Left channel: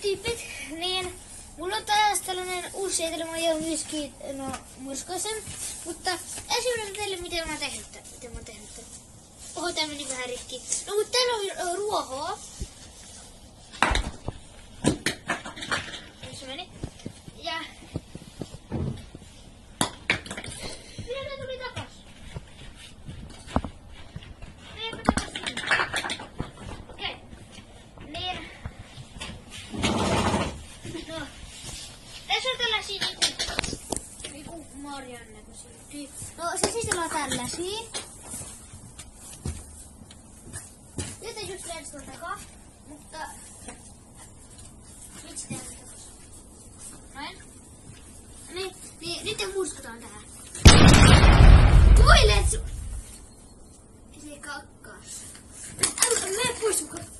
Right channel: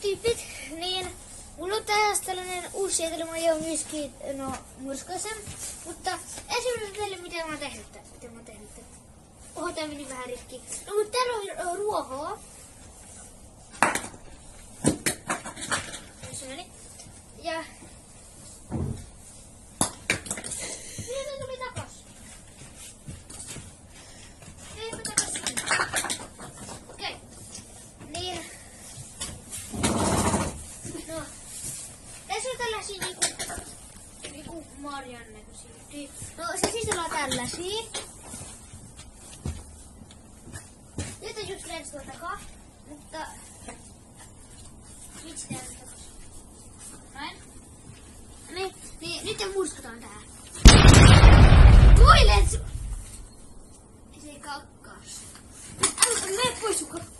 tyypit, niin mulla on taas tällainen uusi sietelmä ja myöskin murskaisen, mutta ensimmäinen teille mitä mä oon tehnyt. Oho, tää meni vähän rikki. No mutta täällä on ruohoa. Se meni. Ja mitä tää tuli takas? Eipä takas sinne. Okei. Niin. No. Tässä on tällaisia niinku Marian näköisiä. No se sisällä on tällaisia. Nyt ei just edes tuon takaa, mutta miksi tää ei takas? Näin. Niin, nyt me murskataan tähän. Toilet! Se kakkaus. Mene pois sun kakkaus.